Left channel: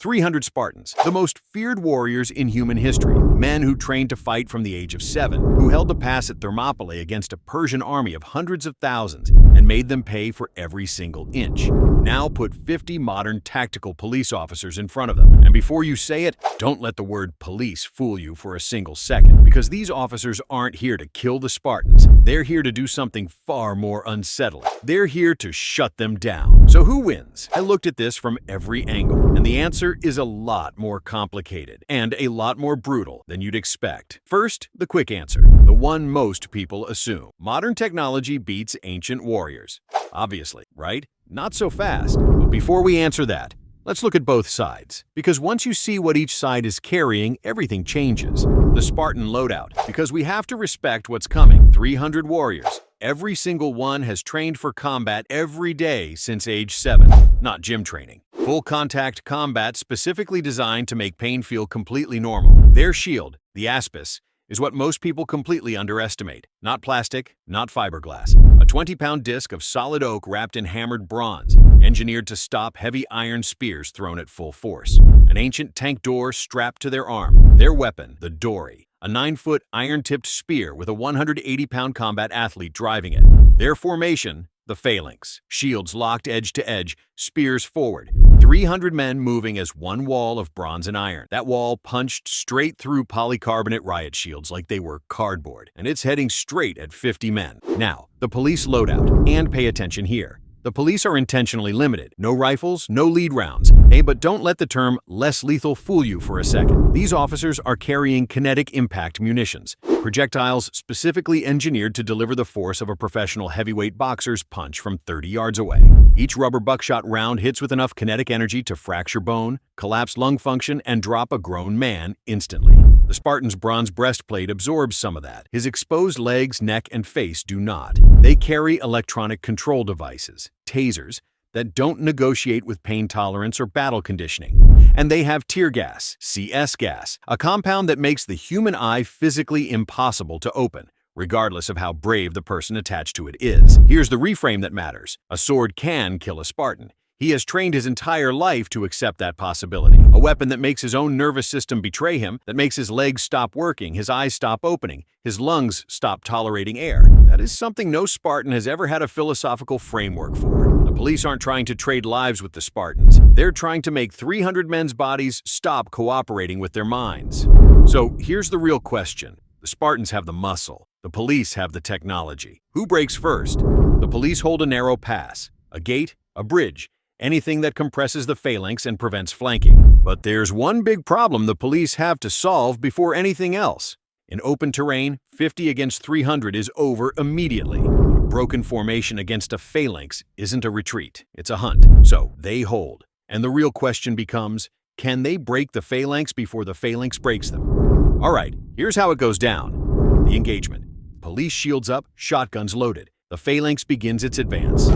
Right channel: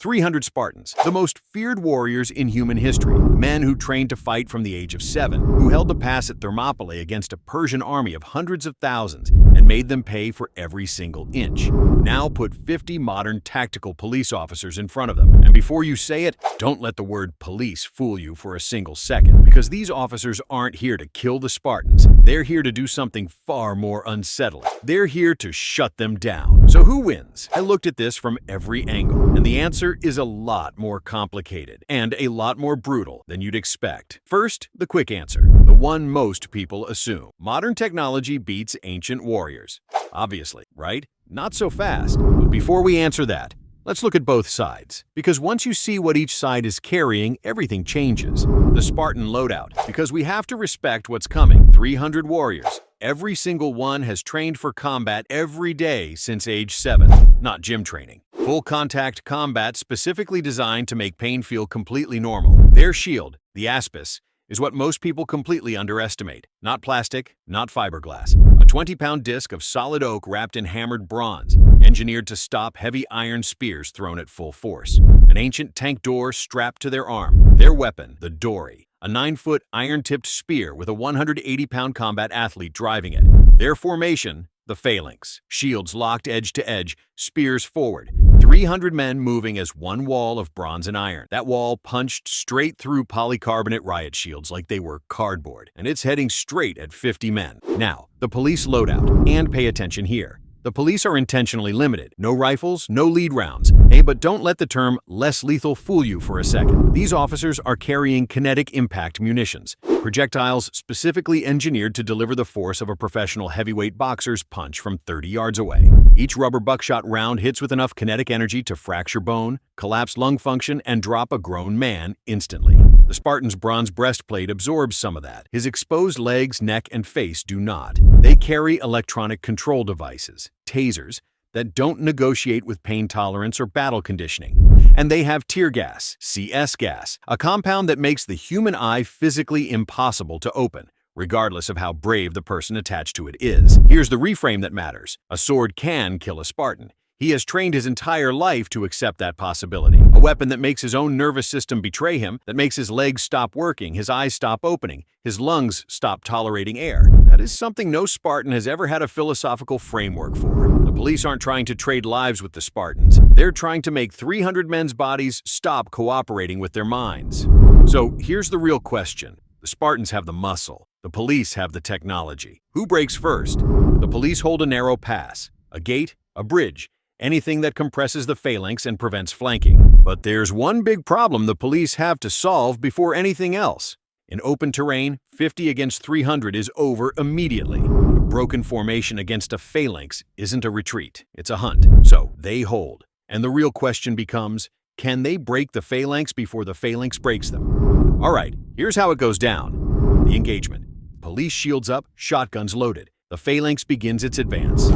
300 Spartans, the most feared warriors in human history, men who trained to fight from the age of 7, who held the pass at Thermopylae against a Persian army of hundreds of thousands and made them pay for every single inch. Now put 50 modern tactical police officers in front of them, and before you say it, don't let the word police fool you for a single second, because these officers aren't here to kill the Spartans. They're here to do something far more unsettling. They're here to shut them down. So who wins? I looked at this from every angle, and the answer is a lot more complicated and a lot more brutal than you'd expect. First, the quick answer, the one most people assume. Modern technology beats ancient warriors. Obviously, right? Not so fast. But before we answer that, let's look at both sides. Because once you see what each side is carrying, everything changes. The Spartan loadout, because we have to respect what's coming. 300 warriors. Every single one has trained for combat every day since age 7, not gym training. Full contact combat specifically designed to make pain feel completely normal. Their shield, the aspis, is what most people completely underestimate. Not plastic, not fiberglass. A 20-pound disc of solid oak wrapped in hammered bronze, engineered to stop heavy iron spears thrown at full force. An ancient tank door strapped to their arm. Their weapon, the dory. A 9-foot iron-tipped spear with a 180-pound combat athlete driving it. Their formation, the phalanx. Shields locked edge to edge, spears forward. 300 men moving as one wall of bronze and iron. That wall punched straight through polycarbonate riot shields like they were cardboard, and it's heading straight at 50 men. Now, the police loadout. And pay attention here. The police are intentionally limited. No rifles, no lead rounds. Hey, but don't let the term less lethal fool you for a second. These officers are carrying kinetic impact munitions, projectiles specifically engineered to deliver the force of a professional heavyweight boxer's punch from 30 yards away. Each rubber buckshot round hits with enough kinetic energy to fracture bone, collapse lung function, and drop a grown man instantly. The Spartan's bronze breastplate absorbs some of that. His exposed legs, neck, and face do not. They carry electronic control devices, tasers, that don't negotiate with pain tolerance or battle conditioning. And they have tear gas, CS gas, a compound that makes the human eye physically impossible to open, regardless of how brave the person attached to it is. Here's the reframe that matters. A sword can kill a Spartan. He has trained his entire life to accept that possibility. A weapon that makes his own nervous system betray him, that makes his legs stop working, his eyes stop opening, his lungs stop tolerating air. That is something no Spartan has ever had a philosophical framework for. The police aren't trying to trade lives with the Spartans. They're trying to make 300 men's bodies stop cooperating with their minds. So here's the real question. The Spartans have the muscle. The police have the technology. Who breaks first? The police hold a narrow pass, a gate, a bridge, anything that compresses the phalanx and prevents flanking. But there's one big problem the police have to solve before anything else. In open terrain, 50 against 300 is over immediately. A broken formation against a phalanx isn't a retreat, it's a hunt. So they hold. And the real question becomes, can they break the phalanx before the phalanx breaks them? All right, here's how it goes down. The engagement. Police shields up, shotguns loaded. The phalanx begins its advance.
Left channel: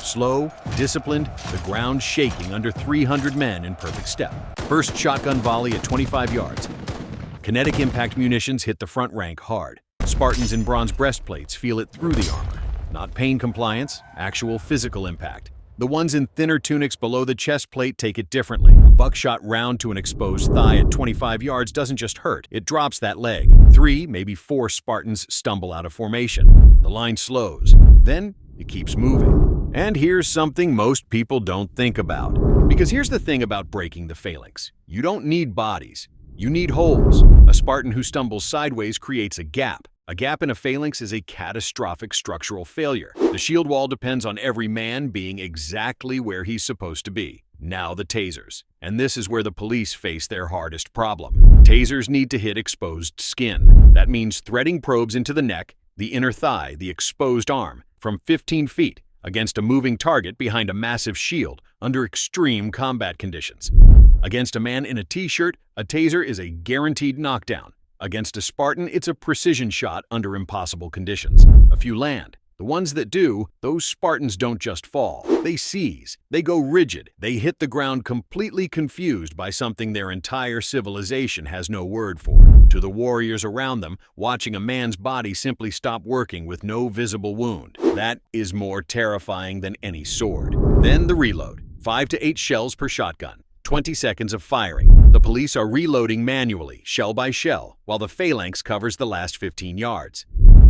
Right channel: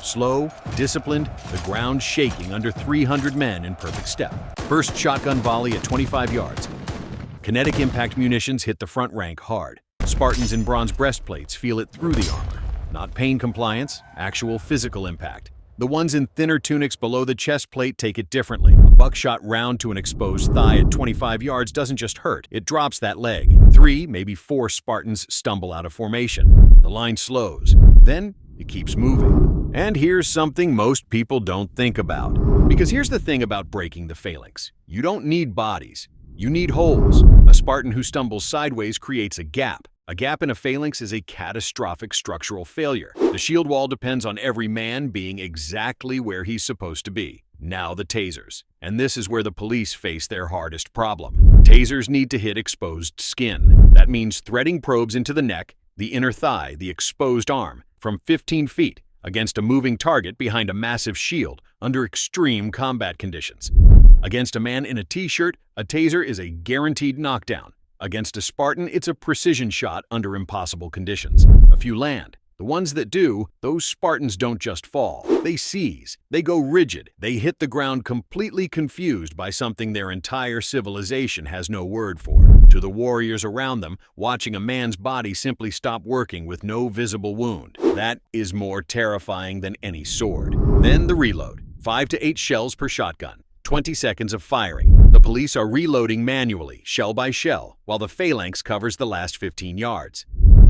Slow, disciplined, the ground shaking under 300 men in perfect step. First shotgun volley at 25 yards. Kinetic impact munitions hit the front rank hard. Spartans in bronze breastplates feel it through the armor. Not pain compliance, actual physical impact. The ones in thinner tunics below the chest plate take it differently. A buckshot round to an exposed thigh at 25 yards doesn't just hurt, it drops that leg. 3, maybe 4 Spartans stumble out of formation. The line slows. Then it keeps moving. And here's something most people don't think about. Because here's the thing about breaking the phalanx. You don't need bodies. You need holes. A Spartan who stumbles sideways creates a gap. A gap in a phalanx is a catastrophic structural failure. The shield wall depends on every man being exactly where he's supposed to be. Now the tasers. And this is where the police face their hardest problem. Tasers need to hit exposed skin. That means threading probes into the neck, the inner thigh, the exposed arm, from 15 feet. Against a moving target behind a massive shield under extreme combat conditions. Against a man in a t-shirt, a taser is a guaranteed knockdown. Against a Spartan, it's a precision shot under impossible conditions. A few land. The ones that do, those Spartans don't just fall. They seize. They go rigid. They hit the ground completely confused by something their entire civilization has no word for. To the warriors around them, watching a man's body simply stop working with no visible wound. That is more terrifying than any sword. Then the reload. 5 to 8 shells per shotgun, 20 seconds of firing. The police are reloading manually, shell by shell, while the phalanx covers the last 15 yards.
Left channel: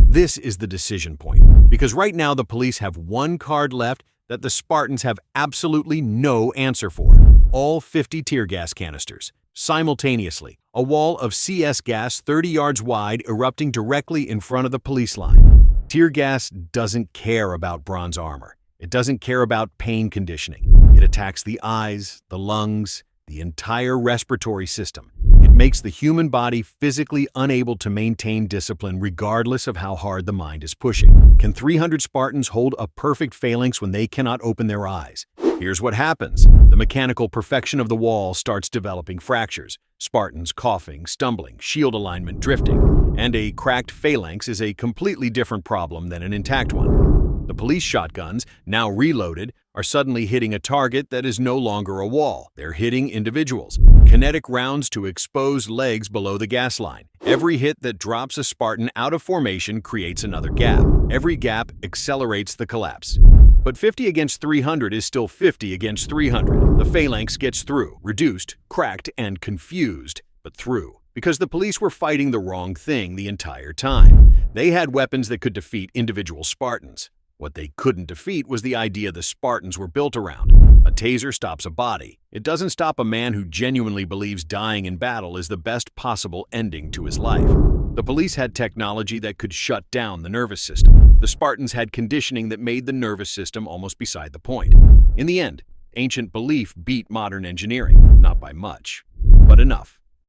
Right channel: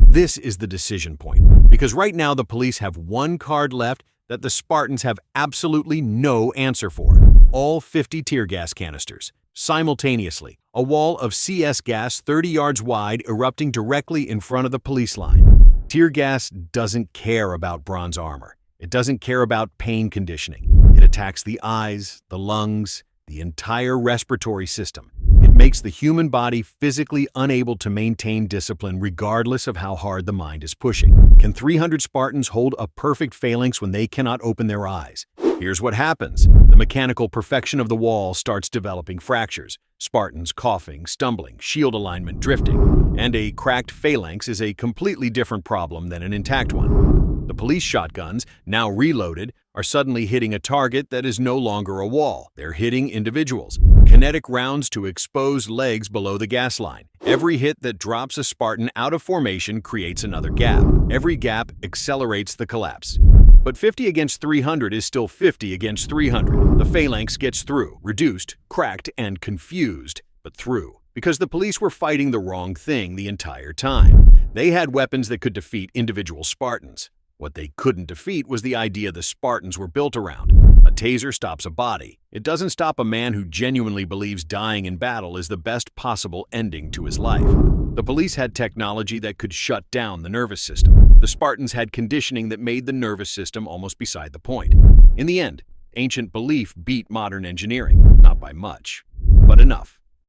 This is the decision point, because right now the police have one card left that the Spartans have absolutely no answer for. All 50 tear gas canisters. Simultaneously, a wall of CS gas 30 yards wide erupting directly in front of the police line. Tear gas doesn't care about bronze armor. It doesn't care about pain conditioning. It attacks the eyes, the lungs, the entire respiratory system. It makes the human body physically unable to maintain discipline regardless of how hard the mind is pushing. Can 300 Spartans hold a perfect phalanx when they cannot open their eyes? Here's what happens. The mechanical perfection of the wall starts developing fractures. Spartans coughing, stumbling, shield alignment drifting. And a cracked phalanx is a completely different problem than an intact one. The police shotguns, now reloaded, are suddenly hitting a target that is no longer a wall. They're hitting individuals. Kinetic rounds to exposed legs below the gas line. Every hit that drops a Spartan out of formation creates another gap. Every gap accelerates the collapse. But 50 against 300 is still 50 against 300. The phalanx gets through, reduced, cracked, and confused, but through. Because the police were fighting the wrong thing the entire time. They had weapons that could defeat individual Spartans. What they couldn't defeat was the idea the Spartans were built around. A taser stops a body. It doesn't stop a man who genuinely believes dying in battle is the best possible ending to his life. The police had technology that could shut down the nervous system. The Spartans had conditioning that made the nervous system almost beside the point. In the end, ancient belief beat modern engineering, not by much, but enough.